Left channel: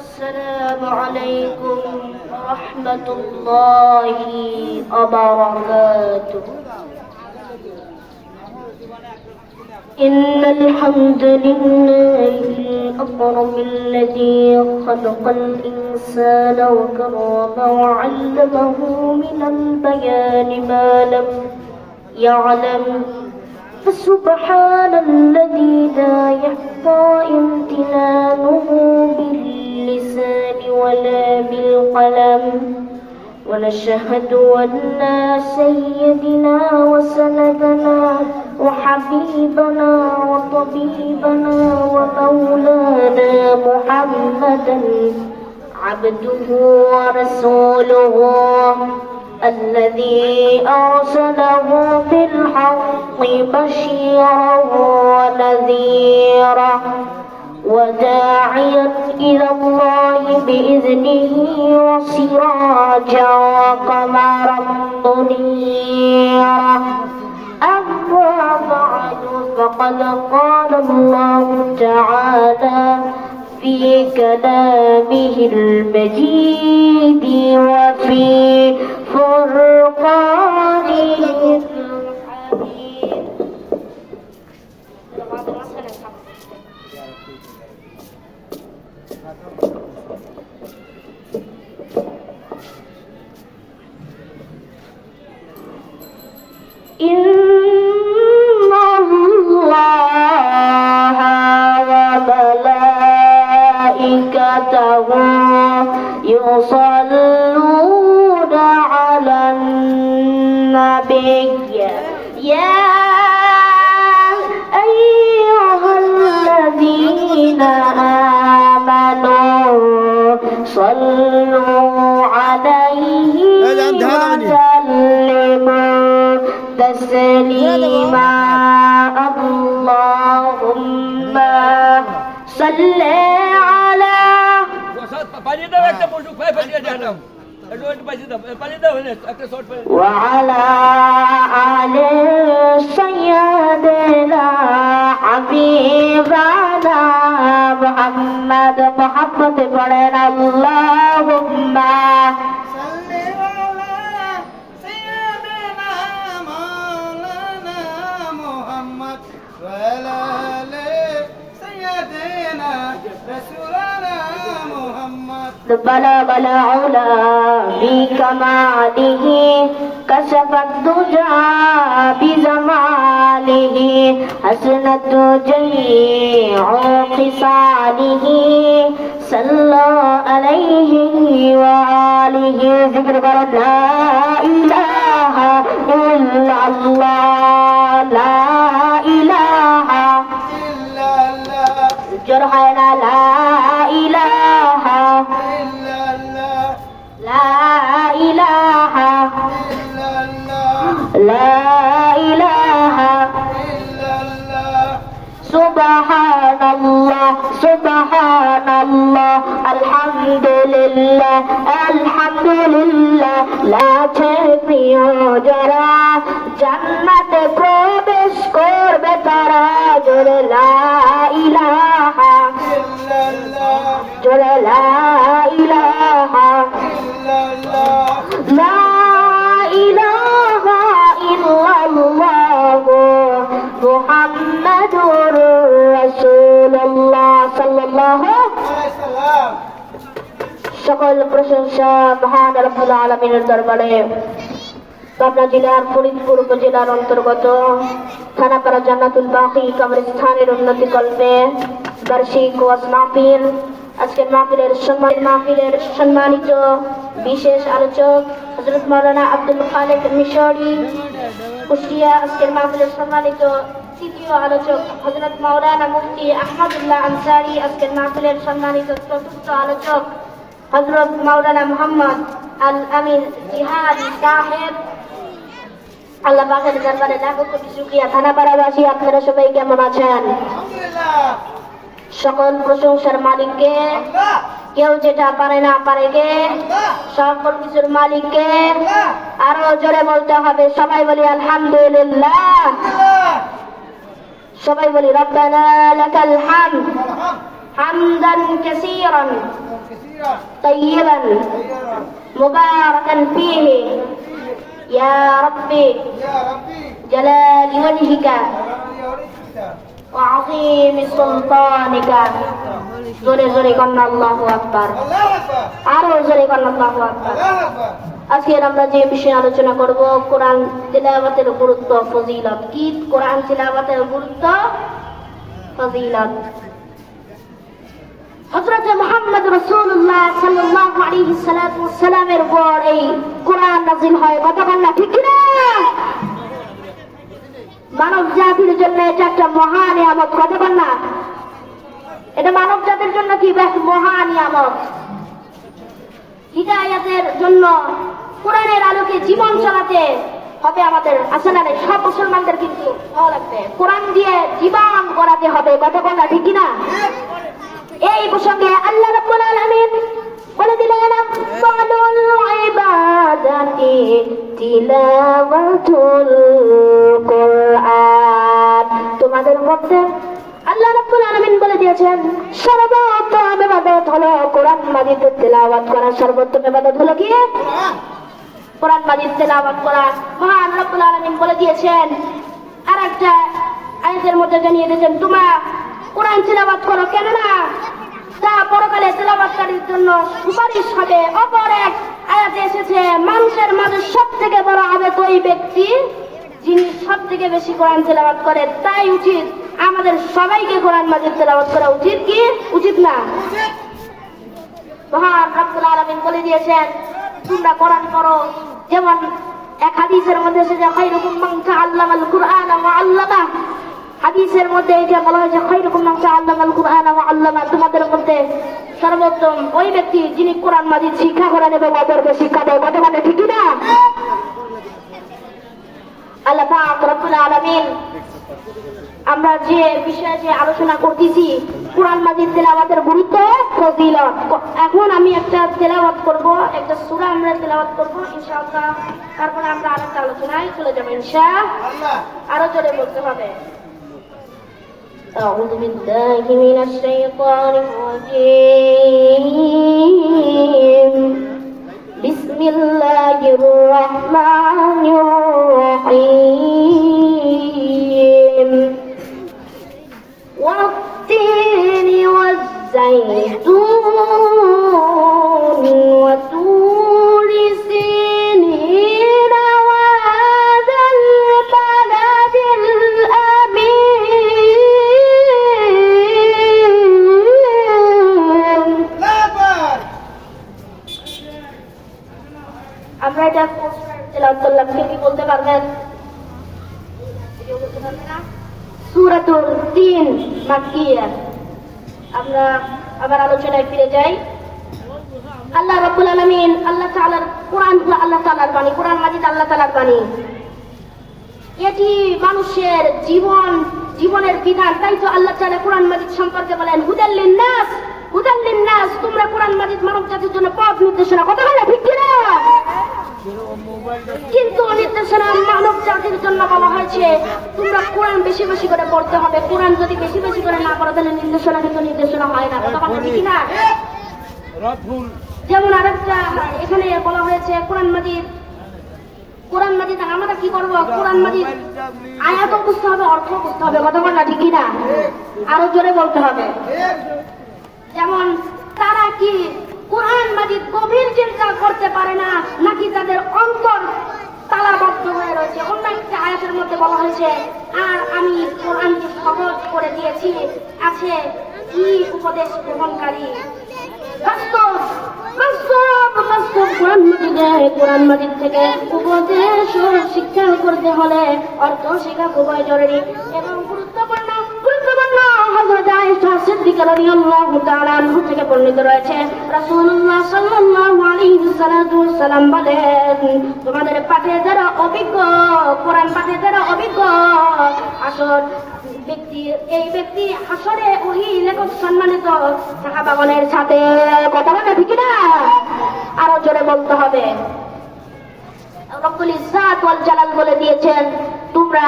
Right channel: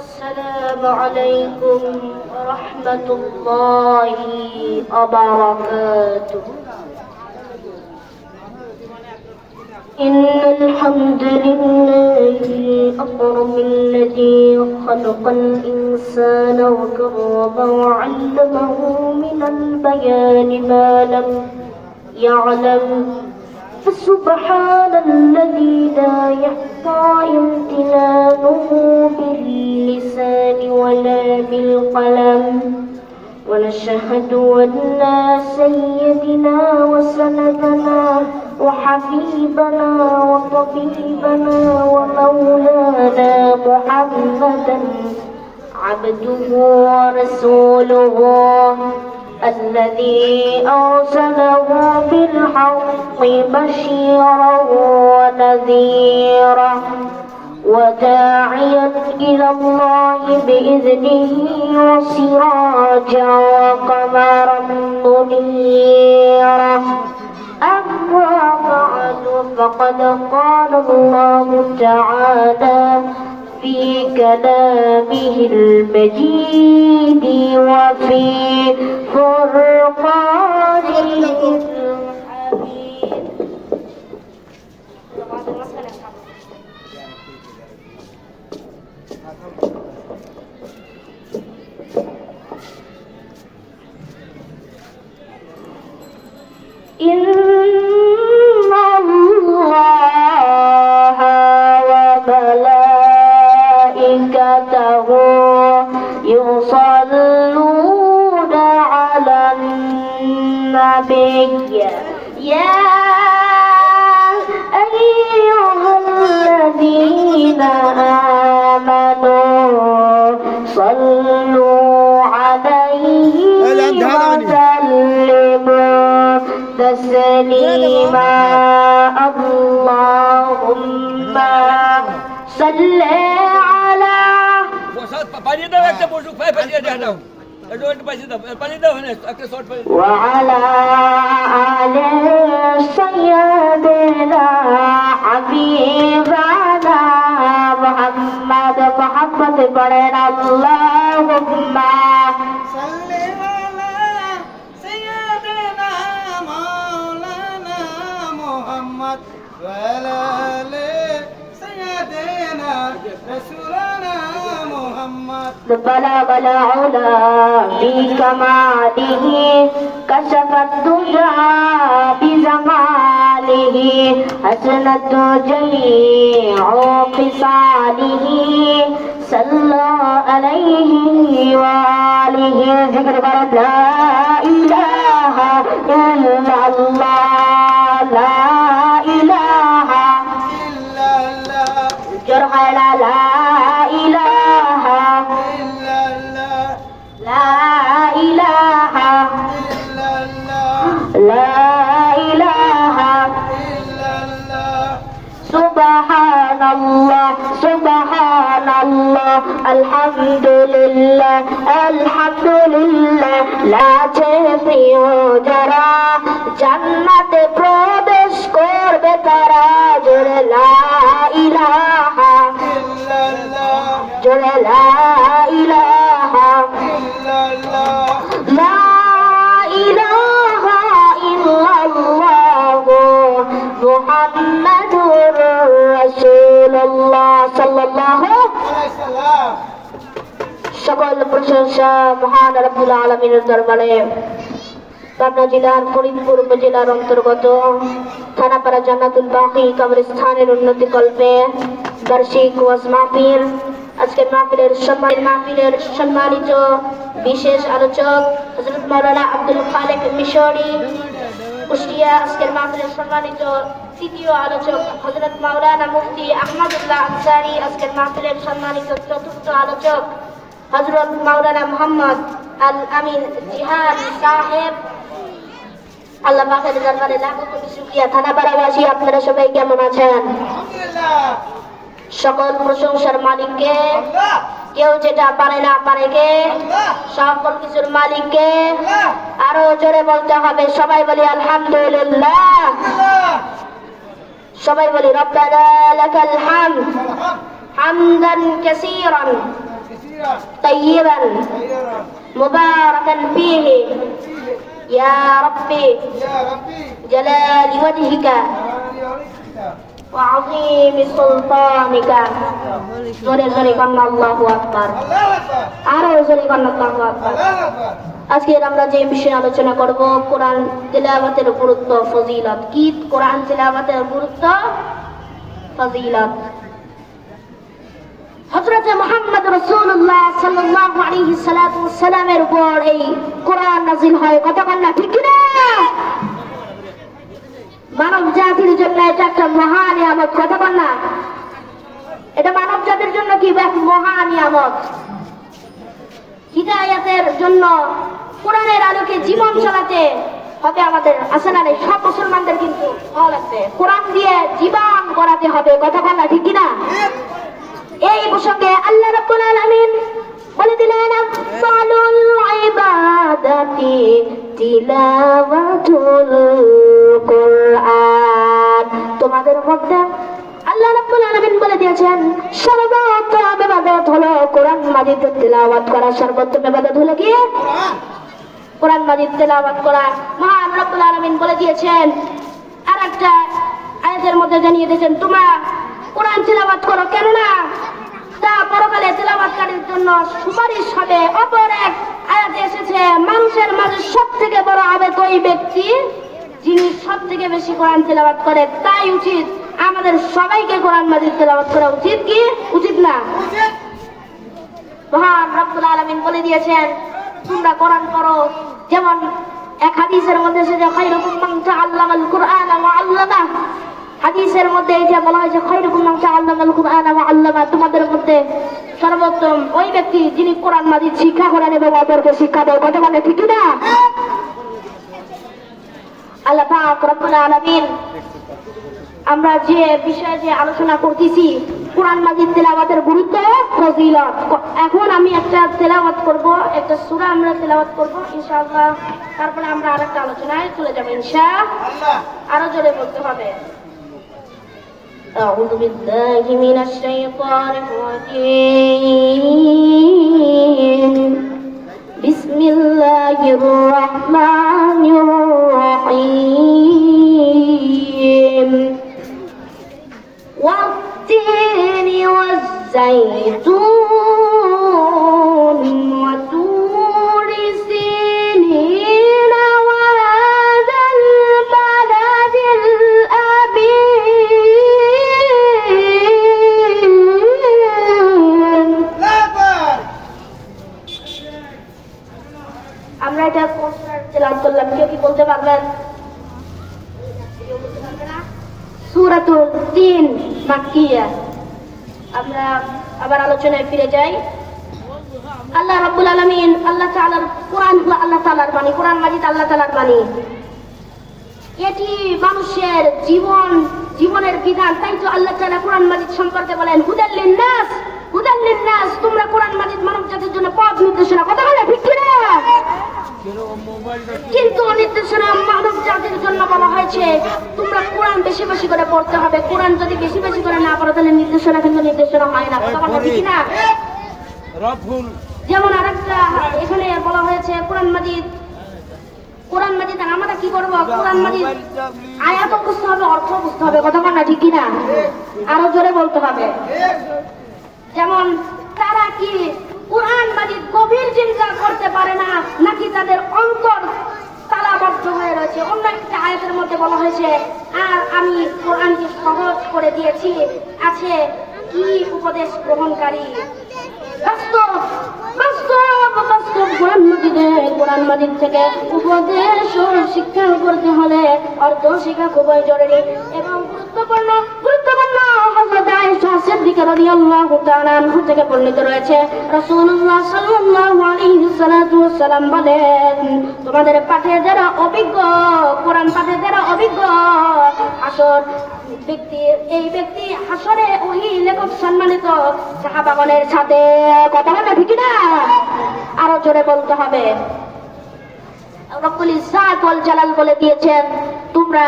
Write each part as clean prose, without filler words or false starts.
السلام عليكم ورحمة الله وبركاته. إن الحمد لله الأكرم الذي خلق الإنسان وكرمه وعلمه من البيان ما لم يعلم، فسبحان الذي لا يحصى امتنانه باللسان ولا بالقلم، ونشهد أن سيدنا وسندنا وحبيبنا وطبيبنا ومولانا محمدا عبده ورسوله الذي أرسله بالحق بشيرا ونذيرا وداعيا إلى الله بإذنه وسراجا وقمرا منيرا. أما بعد، فقد قال الله تعالى في كلامه المجيد وفي فرقانه الحميد. إن الله وملائكته يصلون على النبي يا أيها الذين آمنوا صلوا عليه وسلموا تسليما. اللهم صل على وعلى آل سيدنا حبيبنا محمد محمد بن اللهم صل على سيدنا مولانا محمد وعلى آل سيدنا رسولنا محمد. بلغ العلا بكماله كشف الدجى بزماله حسنت جميع خصاله صلى عليه وآله. ذكر لا إله إلا الله لا إله إلا الله جرح لا إله إلا الله لا إله إلا الله لا إله إلا الله. سبحان الله سبحان الله الحمد لله الحمد لله. لا প্রিয় যারা জান্নাতে প্রবেশ করবে তারা জোরে লা ইলাহা illallah জোরে লা ইলাহা illallah লা ইলাহা ইল্লাল্লাহ মুহাম্মাদুর রাসূলুল্লাহ সাল্লাল্লাহু alayhi salam. সকল প্রশংসা মহান রব্বুল আলামিনের দরবারে। পাবনা জেলার ফরিদপুর উপজেলার অন্তর্গত থানাপাড়া জান্নাতুল বাকি কবরস্থানের উন্নতি কল্পে বার্ষিক ওয়াজ মাহফিল। আজকের মাহফিলের সম্মানিত বিশেষ আলোচক হযরত মাওলানা আব্দুল খালেক মিশরি কুষ্টিয়া। আজকের মাহফিলের সম্মানিত তৃতীয় আলোচক হযরত মাওলানা মুফতি আহমদুল্লাহ আনসারী। আজকের মাহফিলের সম্মানিত চতুর্থ আলোচক হযরত মাওলানা মুহাম্মদ আল আমিন জিহাদি সাহেব। আল্লাহ পাকের দরবারে লাখো কোটি শুকরিয়া। থানাপাড়াবাসী আপনারা সবাই কেমন আছেন? Alhamdulillah. সকল প্রশংসার মালিককে, Allah. কেউ যেটা পারে না পারে কে, Allah. সকল কিছুর মালিককে। Allah. আরো জোরে বলতে হবে, সবাই বলি আলহামদুলিল্লাহ। Alhamdulillah. সবাই বলি রব্বানা লাকাল হামদ Alhamdulillah. حمدا كثيرا كثيرا طيبا خيرا مباركا فيه يا ربي يا ربي جلال وجهك جلالي عليك وعظيم سلطانك জোরে জোরে কন্যা আল্লাহু আকবার الله أكبر আরো জোরে কন্যা আল্লাহু আকবার الله أكبর আজকের আমরা যে বিষয়ে আলোচনা করব কোরআন তিলাওয়াতের গুরুত্ব ফজিলত কি কোরআন তিলাওয়াতের গুরুত্ব ফজিলত হযরত মুহাম্মদ রাসূলুল্লাহ সাল্লাল্লাহু আলাইহি সাল্লামের উপর এই কোরআন নাযিল হয় কতক্ষণ না ঠিক না মানব জাতির জন্য এটা একটা মহান নিয়ামত কতক্ষণ না এটা মানব জাতির জন্য কি এক মহান নিয়ামত হিদায়াতের জন্য কোরআনের আলোকে জীবন চালাতে হবে আমাদের আসলে না সব মুসলমানদের কিন্তু ভালো লাগবে কোরআন দিয়ে জীবন গড়াতে হবে কতক্ষণ না ঠিক না এই প্রসঙ্গে আল্লাহ রাব্বুল আলামিন বলে দিলেন আফসালুল ইবাদাতি তিলাওয়াতুল কোরআন তোমাদের মধ্যে আল্লাহ রাব্বুল আলামিন বলে দিয়েছেন সর্বোত্তম ইবাদত হলো কোরআন মাজিদ তিলাওয়াত করা সর্বোত্তম ইবাদত হলো কি কোরআন কোরআন মাজিদ তিলাওয়াত করা মহান রব্বুল আলামিন বলে দিয়েছেন আর একটা আয়াতের মধ্যে জানিয়ে দিয়েছেন তোমরা কোরআন তিলাওয়াত করো কেননা তা পরকালে তিলাওয়াতকারীর জন্য সুপারিশ হবে অপর এক আয়াতে এসেছে মানুষের মাঝে সবথেকে বড় আবেগ ওই ব্যক্তি যিনি সবথেকে বেশি কোরআন তিলাওয়াত করে তাই উচিত আমাদের সবাইকে কোরআন মাজিদ তিলাওয়াত করা উচিত কি উচিত না উচিত মহান রব্বুল আলামিন বলে দিয়েছেন তোমরা কোরআন করো যেমন এক হাদিসের মধ্যে এসেছে খায়রুকুম মান তাআল্লামাল কুরআনা ওয়া আল্লামা হাদিসের মধ্যে এটা বলা হয়েছে খায়রুকুম মান তাআল্লামাল কুরআনা ওয়া আল্লামা তোমাদের মধ্যে সর্বোত্তম ওই ব্যক্তি যিনি কোরআন মাজিদ শিক্ষা করেন এবং অপরকে শিক্ষা দেয় কথা বলে ঠিক না আল্লাহ পাক রব্বুল আলামিন আমরা যে বিষয়ে যে আলোচনা করতেছি কোরআন মাজিদ তেলাওয়াতের গুরুত্ব ফজিলত এখন আমি একটা তেলাওয়াত করব একটা সূরা আমরা তেলাওয়াত করব ইনশাআল্লাহ তারপরে আমরা আরেকটা আলোচনায় চলে যাব ইনশাআল্লাহ আল্লাহ আরো জোরে বলতে হবে أعوذ بالله من الشيطان الرجيم بسم الله الرحمن الرحيم والتين والزيتون وطور سينين وهذا البلد الأمين الله أكبر আমরা এটা তেলাওয়াত করলাম কেউ কি বলতে পারবেন কেউ বলতে পারবে না সূরাতুল তিন মাক্কিয়া আমরা আবার আলোচনায় ফিরে যাই আল্লাহ রাব্বুল আলামিন আল্লাহ তাআলার কোরআন হলো আল্লাহ তাআলার বাণী কোরআন মাজিদ আল্লাহ তাআলার বাণী এটি মানুষের জীবনের বিধান তাই তো আল্লাহ তাআলা কোরআন মাজিদ সম্পর্কে বলেন হুদাল লিন্নাস তোমরা কোরআন মাজিদ মানব জাতির জন্য পথ নির্দেশনা কথা বলে ঠিক কি না কিন্তু নির্দেশনা মানব জাতির জন্য বলা হয়েছে তোমরা কোরআন বেশি বেশি করে পড়তে হবে কোরআন যদি বেশি বেশি করে না পড়ো তাহলে নির্দেশনা কিন্তু নির্দেশনা হয় না কথা বলে ঠিক না যেমন আরেকটা এখানে বলা হয়েছে কোরআন মাজিদ আমরা কি করবো কোরআন মাজিদ আয়াত বুঝতে হবে অর্থ বুঝতে হবে কথা বল না ঠিক না আরো জোরে বলতে হবে যেমন তারা কি কোরআন মাজিদ গভীর চিন্তা করতে পারে না নাকি তাদের অন্তর তালাবদ্ধ হয়ে রয়েছে অন্য একটা আয়াতের মধ্যে বলা হয়েছে আর আমি কোরআনকে সহজ করে দিয়েছি আছে কি উপদেশ গ্রহণকারী বাস্তব কোরআন মাজিদ থেকে উপদেশ ও শিক্ষা করতে হলে অর্থ শিক্ষা খুবই জরুরি এবং গুরুত্বপূর্ণ হযরত আয়েশা সিদ্দিকা রাদিয়াল্লাহু তাআলা আনহা থেকে বর্ণিত রয়েছে রাসূলুল্লাহ সাল্লাল্লাহু আলাইহি ওয়াসাল্লাম বলেন তোমাদের পাঠে যারা অভিজ্ঞ কোরআন পাঠে যারা অভিজ্ঞ আসর এই ব্যক্তি হাসরে ওহি লেখক সম্মানিত সাহাবাগণের সাথে কথা বলে ঠিক না আরো জোরে বলতে হবে রব্বুল ইজ্জাত ওয়াল জালাল বলে দিয়েছেন তোমরা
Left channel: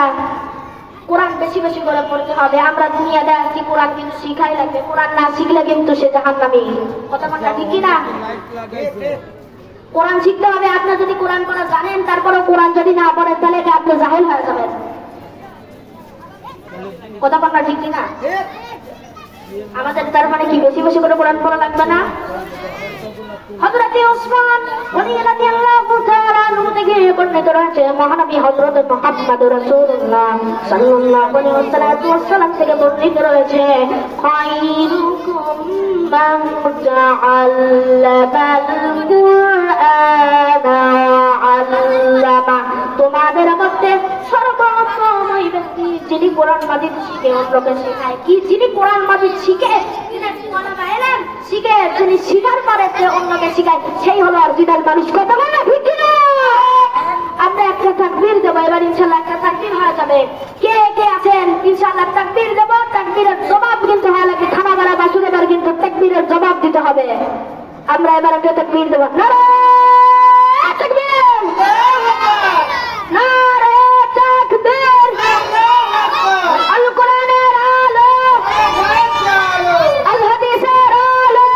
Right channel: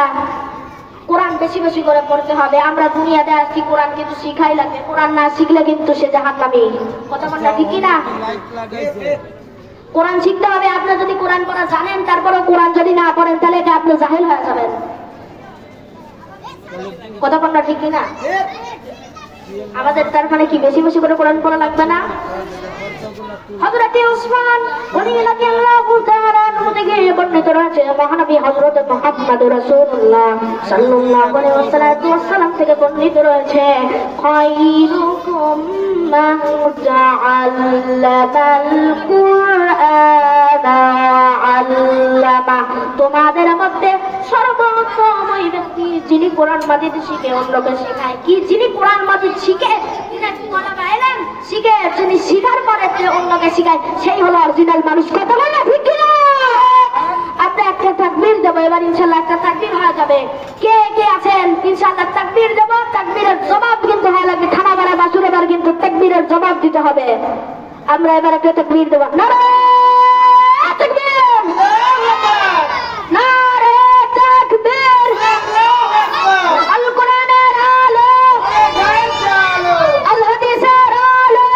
কোরআন বেশি বেশি করে পড়তে হবে। আমরা দুনিয়াতে আসছি, কোরআন কিন্তু শিখাই লাগবে। কোরআন না শিখলে কিন্তু সে জাহান্নামী। কথা বলা ঠিক কি না? কোরআন শিখতে হবে। আপনি যদি কোরআন পড়া জানেন, তারপরে কোরআন যদি না পড়েন, তাহলে এটা আপনি জাহিল হয়ে যাবেন। কথা বলা ঠিক কি না? আমাদের তার মানে কি বেশি বেশি করে কোরআন পড়া লাগবে না? হযরত ওসমান রাদিয়াল্লাহু তাআলা আনহু থেকে বর্ণিত রয়েছে, মহানবী হযরত মুহাম্মদ রাসূলুল্লাহ সাল্লাল্লাহু আলাইহি ওয়াসাল্লাম থেকে বর্ণিত রয়েছে, খায়রুকুম মান তাআল্লামাল কুরআনা ওয়া আল্লামা। তোমাদের মধ্যে সর্বোত্তম ওই ব্যক্তি যিনি কোরআন মাজিদ শিখে অন্যকে শেখায়। কি? যিনি কোরআন মাজিদ শিখে, শিখে যিনি শিখার পরে অন্যকে শিখায়, সেই হলো অরিজিনাল মানুষ। কথা বলে ঠিক কিনা? আমরা একটা তাকবীর দেবো এবার, ইনশাআল্লাহ একটা তাকবীর হয়ে যাবে। কে কে আছেন ইনশাআল্লাহ তাকবীর দেবো? তাকবীরের জবাব কিন্তু হয়ে লাগবে। থানা বেড়া বাসুর এবার কিন্তু তাকবীরের জবাব দিতে হবে। আমরা এবার একটা তাকবীর দেবো। নারে তাকবীর, নারে তাকবীর, আল কোরআনের আলো, আল হাদিসের আলো।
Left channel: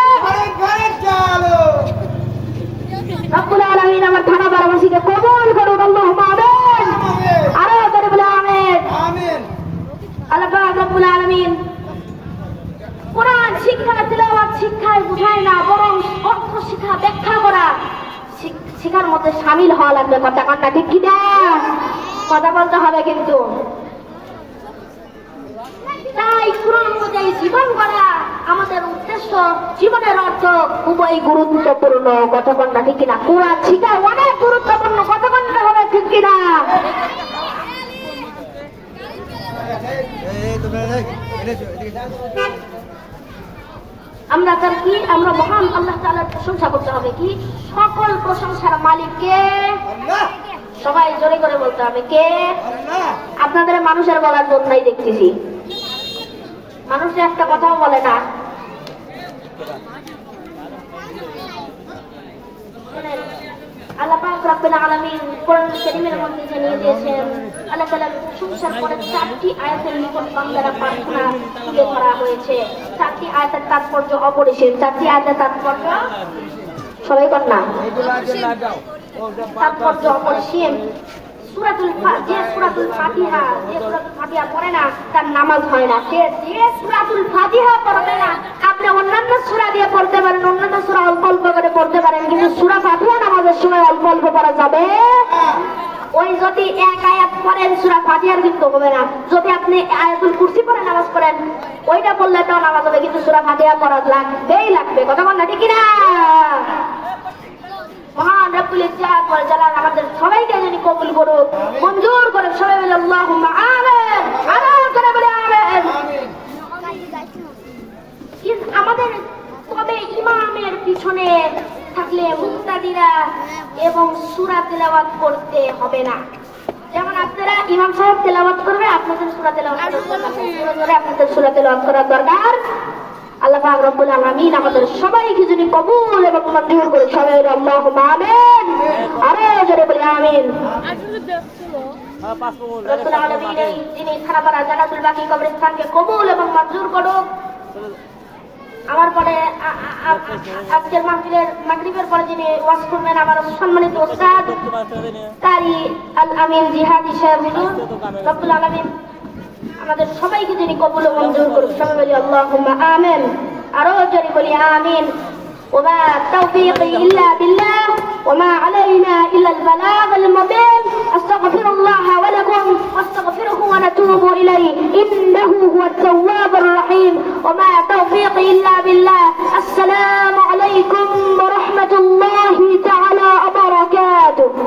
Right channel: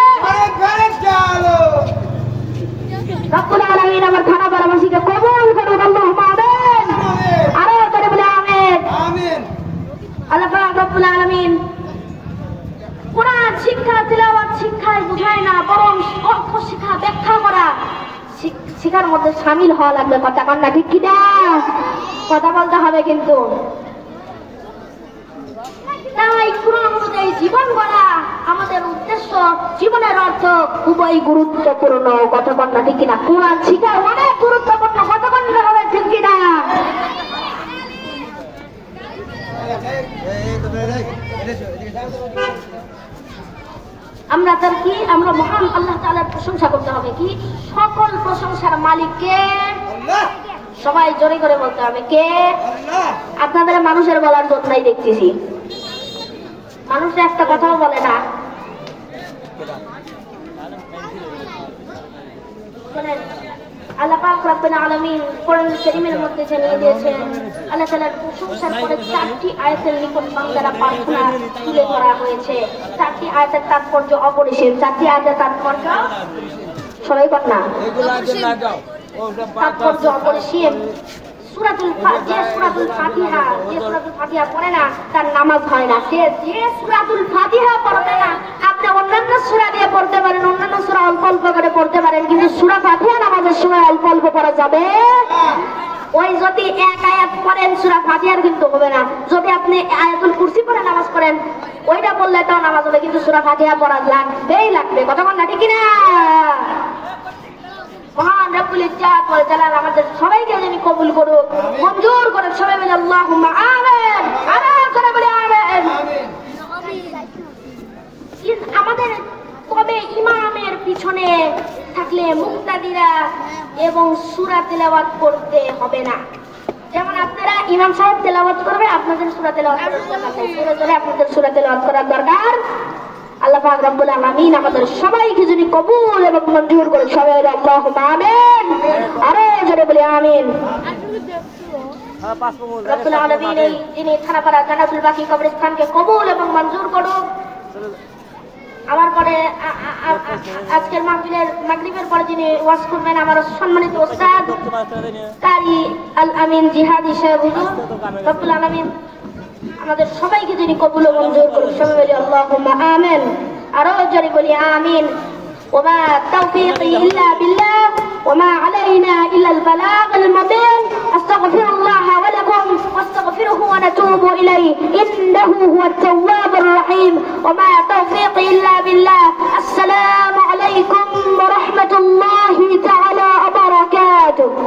রব্বুল আলামিন আমার থানা বারাবাসীকে কবুল করুক। আল্লাহুম্মা আমিন। আরো করে বলে আমিন। আমিন। আল্লাহ পাক রব্বুল আলামিন কোরআন শিক্ষা, তিলাওয়াত শিক্ষায় বুঝায় না, বরং অর্থ শিক্ষা, ব্যাখ্যা করা শিক্ষার মধ্যে শামিল হওয়া লাগবে। কথা কন না ঠিক কি না? কথা বলতে হবে কিন্তু। তাই কোরআন অনুযায়ী জীবন গড়া আমাদের উদ্দেশ্য, জীবনের অর্থ খুবই গুরুত্বপূর্ণ। কথা কন না ঠিক কিনা? কোরআন শিক্ষা অনেক গুরুত্বপূর্ণ। কথা বলতে হবে ঠিক কিনা? আমরা তার কি, আমরা মহান আল্লাহ তাআলার প্রশংসা করতে হবে। কি? সকল প্রশংসার মালিককে। আল্লাহ। সবাই জোরে করে বলতে হবে কে? আল্লাহ। আপনাদের মানুষের বলার জন্যই দেখতেছি, মানুষরা একটা কথাও বলে না। শোনেন, আল্লাহ পাক রব্বুল আলামিন কোরআন কারীমের মধ্যে জানিয়ে দিয়েছেন, আল্লাহ তাআলার প্রশংসার পরে 4টি আয়াতের নিকট দ্বারা প্রার্থনা তুলে ধরা হয়েছে। 4টি আয়াতের তাৎপর্য অপরিসীম। 4টি আয়াতের তাৎপর্য সবাই বল না, তাৎপর্য অপরিসীম। সূরাতুল ফাতিহা পড়ে না তার নামাজ হয় না। যে সূরাতুল ফাতিহা পড়বে না, আপনি অন্যান্য সূরা দিয়ে পড়তে পারেন, অন্যান্য সূরা অল্প অল্প করে পড়তে পারেন, কিন্তু সূরা ফাতিহা নামাজের সময় অল্প অল্প পড়া যাবে। ওই যদি এক আয়াত পড়েন সূরা ফাতিহার কিন্তু হবে না। যদি আপনি আয়াতুল কুরসি পড়ে নামাজ পড়েন, ওইটা পড়লে তাও নামাজ হবে, কিন্তু সূরা ফাতিহা পড়া লাগবেই লাগবে। কথা বল না ঠিক কিনা? মহান রব্বুল ইজ্জাত ওয়াল জালাল আমাদের সবাইকে যিনি কবুল করুক, মঞ্জুর করুক। সবাই বলে আল্লাহুম্মা আমিন। আমিন করে বলে আমিন। আমাদের কবে ইমামের পিছনে থাকলে মুক্তাদিরা এবং সূরা তেলাওয়াত করতে হবে না। যেমন আপনারা ইমাম সাহেব তেলাওয়াত করবে, আপনাদের সূরা তেলাওয়াত আপনাদের সূরা তেলাওয়াত করার দরকার। আল্লাহ পাক রব্বুল আলামিন আমাদের সবাইকে যিনি কবুল এবং মঞ্জুর করে। সবাই আল্লাহুম্মা আমিন। আরো জোরে বলি আমিন। রব্বুল আলামিন যিনি থানাপাড়া জান্নাতুল বাকি কবরস্থানকে কবুল এবং মঞ্জুর করুক। আমার পরে আজকের মাগরিবের পরে যিনি ওয়াজ করবেন আমার সম্মানিত ওস্তাদ কারি আল আমিন জিহাদি সাহেব হুজুর। রব্বুল আলামিন আমাদের সবাইকে যিনি কবুল এবং মঞ্জুর করুন। সবাই বলি আল্লাহুম্মা আমিন। আরো জোরে বলি আমিন। ওমা তাওফীকি ইল্লা বিল্লাহ ওমা আলাইনা ইল্লা আল বালাগাল মুবিন। আস্তাগফিরুল্লাহ ওয়া লাকুম ওয়াস্তাগফিরুহু ওয়া নাতুবু ইলাইহি ইন্নাহু হুয়াত তাওয়াবুর রহিম। ওমা তাওফীকি ইল্লা বিল্লাহ। আসসালামু আলাইকুম ওয়া রাহমাতুল্লাহি তাআলা ওয়া বারাকাতুহু।